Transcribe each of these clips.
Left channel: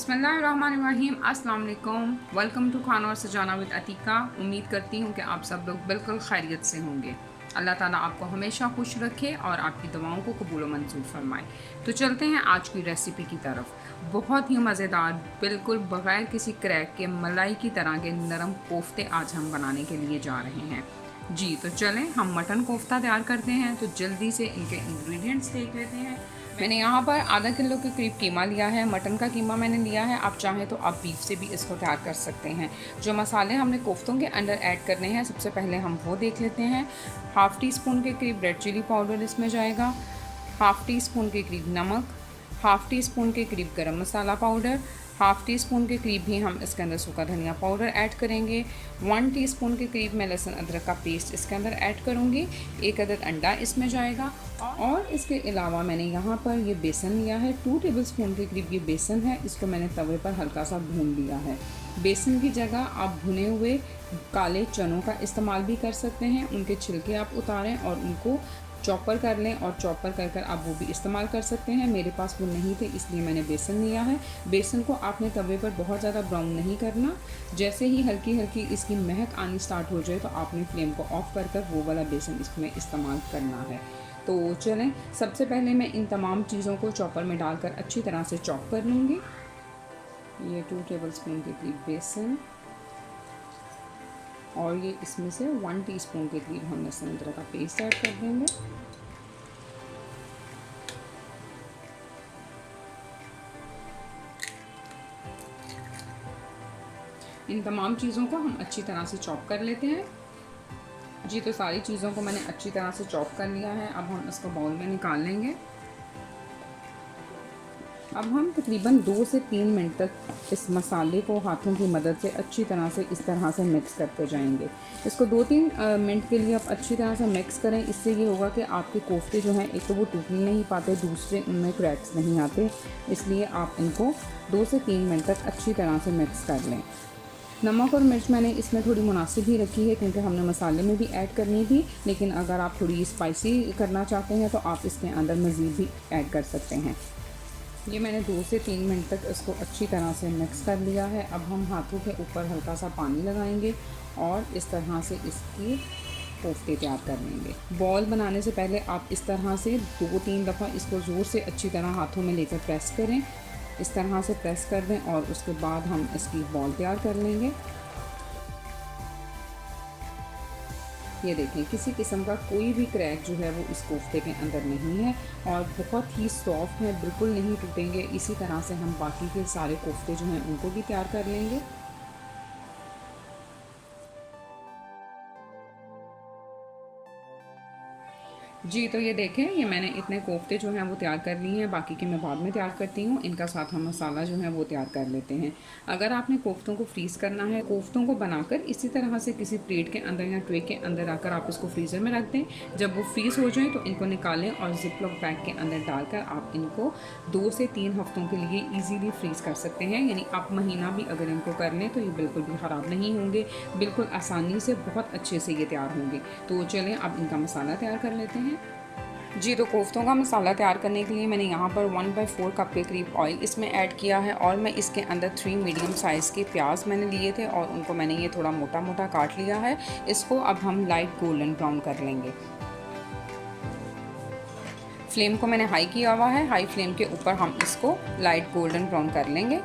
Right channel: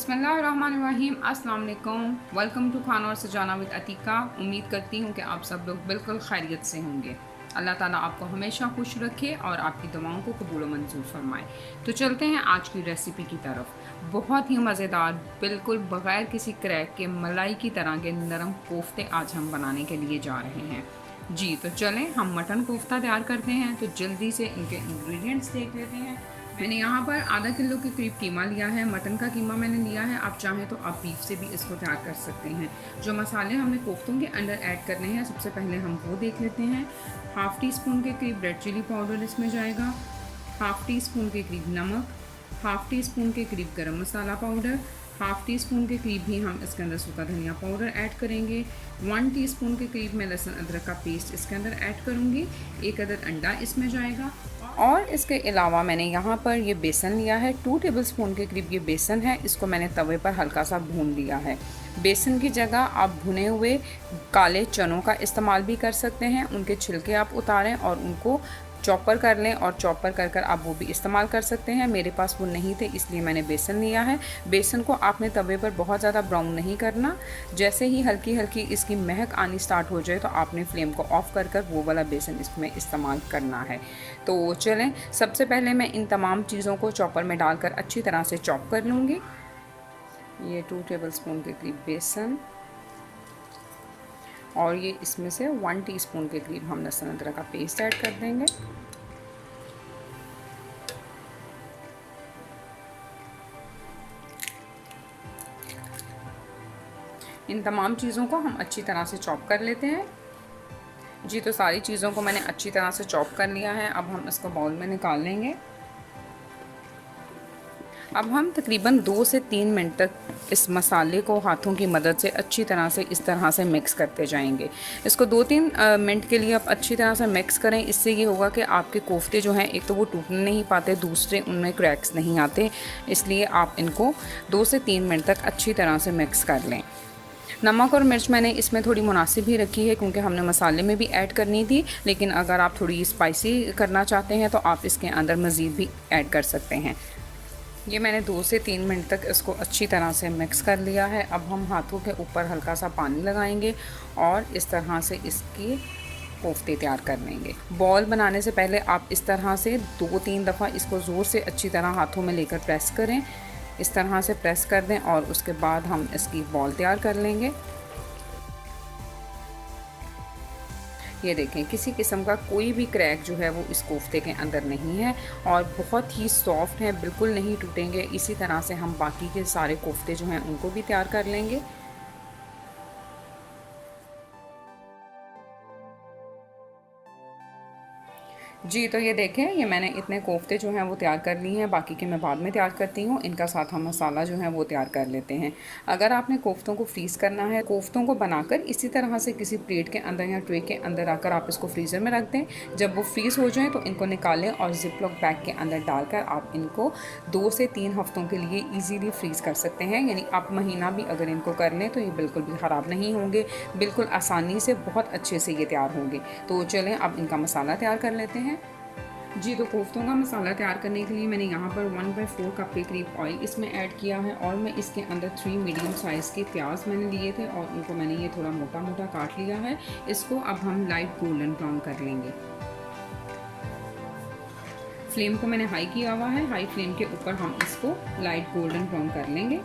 बिस्मिल्लाहिर्रहमानिर्रहीम। अस्सलाम वालेकुम। वेलकम टू खाना और सजाना विद अतीका। उम्मीद करती हूँ कि आप सब लोग बिल्कुल खैरियत से होंगे। अल्लाह ताला आपको हमेशा खुश रखे और आपकी दुआओं को कबूल व मंजूर फरमाए। तो चलते हैं आज की रेसिपी की तरफ। बहुत ही मज़ेदार, बिल्कुल बग़ैर किसी क्रैक के मलाई की तरह के नरम कोफ्ते आज हम बनाने के लिए जा रहे हैं। जी तो चलें हम मटन कोफ्ता तैयार करते हैं। तो जल्दी से इनके इंग्रेडिएंट्स देख लेते हैं। मैंने यहाँ पर आधा किलो के करीब कीमा लिया है। मटन का कीमा मैंने लिया है। आप चाहें तो आप बीफ से भी इसको तैयार कर सकते हैं। जो मसाले हमने कोफ्तों के अंदर ऐड करने हैं सबसे पहले हम वो देख लेते हैं। हाफ़ टी स्पून के करीब रेड चिली पाउडर इसमें जाएगा, हाफ़ टी स्पून के करीब नमक, हाफ़ टी स्पून के करीब गरम मसाला पाउडर, हाफ़ टी स्पून के करीब भी हम इसके अंदर सूखा धनिया पाउडर ऐड करेंगे। 1 टीस्पून के करीब मैं लहसुन अदरक का पेस्ट इसके अंदर ऐड करूँगी। 1 अदद अंडा इसमें जाएगा और इसके अलावा मैंने यहाँ पर ये बेसन लिया है। 2 टेबलस्पून के करीब ये बेसन है। इसको मैंने तवे पर हल्का सा भून लिया है। बेसन की जगह आप भुने हुए काले चनों का इस्तेमाल भी कर सकते हैं। उनके छिलके आप उतारें और उनको चॉपर कर लें और चॉपर कर कर आप वो भी इस्तेमाल कर सकते हैं। मेरे पास वो नहीं थे इसलिए मैंने बेसन लिया है। बेसन को आपने तवे पर बहुत ज़्यादा ब्राउन नहीं करना। जैसे ही हल्की हल्की इसकी महक आनी स्टार्ट हो जाए तो आपने फ्लेम को ऑफ़ कर कर वो वाला बेसन इसमें इस्तेमाल करना है। तो चलें सबसे पहले मैं इन तमाम चीज़ों को चॉपर में डालकर अच्छी तरह से चॉप कर लूँगी। ये 2 टेबलस्पून के करीब बेसन और ये इसमें से 1 टीस्पून के करीब हम लहसुन अदरक का पेस्ट ऐड कर देंगे। इन तमाम चीज़ों को हम अच्छी तरह से चॉप कर लेते हैं। जी तो सारी चीज़ों को मैंने अच्छी तरह से चॉप कर लिया है। अब हम इसको बाउल में निकाल लेंगे। अब हम तकरीबन 2 से 3 मिनट तक इस मसाले को हाथों की मदद से अच्छी तरह से इस तरह से मिक्स करते जाएंगे। इसको 2-3 मिनट के लिए आप अच्छी तरह से मिक्स करें। इससे ये होगा कि आपके कोफ्ते जो हैं एक तो वो टूटने नहीं पाते, दूसरे उनमें क्रैक्स नहीं आते। इसलिए आप इनको 2 से 3 मिनट तक अच्छी तरह से मिक्स कर लें। नमक और मिर्च मैंने इसमें थोड़ी मुनासिब ही रखी है क्योंकि हमने मसाले में भी ऐड करनी थी, लेकिन अगर आप थोड़ी स्पाइसी करना चाहते हैं तो आप इसके अंदर मज़ीद भी ऐड कर सकते हैं। ये मैंने 2 से 3 मिनट तक इसको अच्छी तरह से मिक्स कर लिया है। अब हम हाथों के ऊपर हल्का सा पानी लगाएंगे और इस तरह से इसकी कोफ्ते तैयार कर लेंगे। बॉल बनाने से पहले आप इस तरह से 2-3 दफ़ा इसको ज़ोर से अच्छी तरह हाथों में लेकर प्रेस करें। इस तरह से प्रेस कर दें और उसके बाद हम इसकी बॉल तैयार कर लेंगे। ये देखें किसी किस्म का कोई भी क्रैक जो है वो इस कोफ्ते के अंदर नहीं है और बहुत ही सॉफ्ट है, बिल्कुल नहीं टूटेंगे। इसी तरह से हम बाकी के सारे कोफ्ते जो हैं उनको भी तैयार कर लेंगे। जी तो ये देखें ये मैंने इतने कोफ्ते जो हैं वो तैयार कर लिए हैं। बाकी के मैं बाद में तैयार करती हूँ। इनका साथ हम मसाला जो है वो तैयार कर लेते हैं। अगर आपने कोफ्तों को फ्रीज़ करना है, कोफ्तों को बनाकर इसी तरह से किसी प्लेट के अंदर या ट्रे के अंदर आकर आप इसको फ्रीज़र में रख दें। जब वो फ्रीज़ हो जाए तो इनको निकालें और जिपलॉक बैग के अंदर डालकर आप इनको 2 से 3 हफ्तों के लिए ईज़िली फ्रीज़ कर सकते हैं। यानी आप महीना भी अगर इनको कर लें तो ये बिल्कुल भी ख़राब नहीं होंगे, बिल्कुल आसानी से बहुत अच्छे से ये तैयार होंगे। तो चलें अब इनका मसाला तैयार कर लेते हैं। जी तो कोफ्तों का मसाला तैयार करने के लिए मैंने यहाँ पर 1/4 कप के करीब ऑयल इसमें ऐड किया है और मैं इसके अंदर 3 मीडियम साइज़ के प्याज मैंने लिए थे और उनको मैंने ये थोड़ा मोटा मोटा काट लिया है। इसको अब हम लाइट गोल्डन ब्राउन कर लेंगे। फ्लेम को मैंने हाई किया हुआ है। हाई फ्लेम के ऊपर हम इसको लाइट गोल्डन ब्राउन कर लेंगे।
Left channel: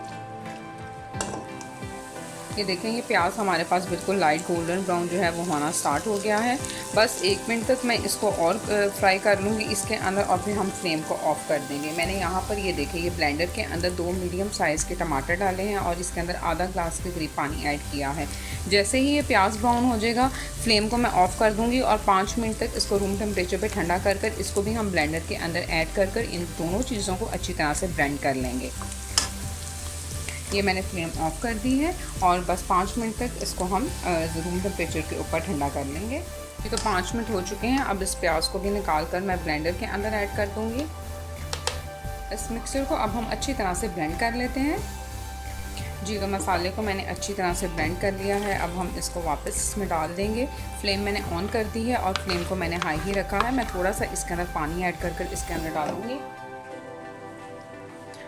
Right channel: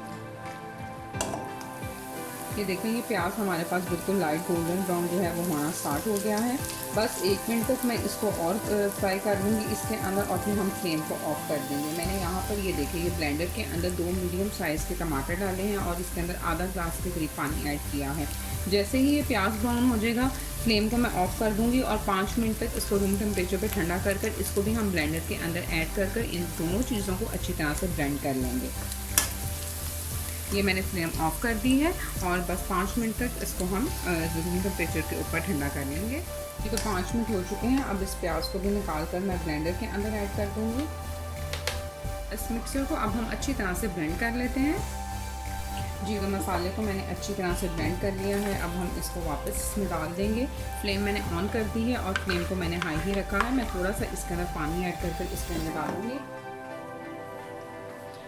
ये देखें ये प्याज हमारे पास बिल्कुल लाइट गोल्डन ब्राउन जो है वो होना स्टार्ट हो गया है। बस 1 मिनट तक मैं इसको और फ्राई कर लूँगी इसके अंदर और फिर हम फ्लेम को ऑफ़ कर देंगे। मैंने यहाँ पर ये देखें ये ब्लेंडर के अंदर 2 मीडियम साइज़ के टमाटर डाले हैं और इसके अंदर आधा ग्लास के करीब पानी ऐड किया है। जैसे ही ये प्याज ब्राउन हो जाएगा फ्लेम को मैं ऑफ़ कर दूँगी और 5 मिनट तक इसको रूम टेम्परेचर पर ठंडा कर कर इसको भी हम ब्लेंडर के अंदर ऐड कर कर इन दोनों चीज़ों को अच्छी तरह से ब्लेंड कर लेंगे। ये मैंने फ्लेम ऑफ़ कर दी है और बस 5 मिनट तक इसको हम रूम टेम्परेचर के ऊपर ठंडा कर लेंगे। ये तो 5 मिनट हो चुके हैं। अब इस प्याज को भी निकाल कर मैं ब्लेंडर के अंदर ऐड कर दूँगी। इस मिक्सचर को अब हम अच्छी तरह से ब्लेंड कर लेते हैं। जी तो मसाले को मैंने अच्छी तरह से ब्लेंड कर लिया है। अब हम इसको वापस इसमें डाल देंगे। फ्लेम मैंने ऑन कर दी है और फ्लेम को मैंने हाई ही रखा है। मैं थोड़ा सा इसके अंदर पानी ऐड कर कर इसके अंदर डालूँगी।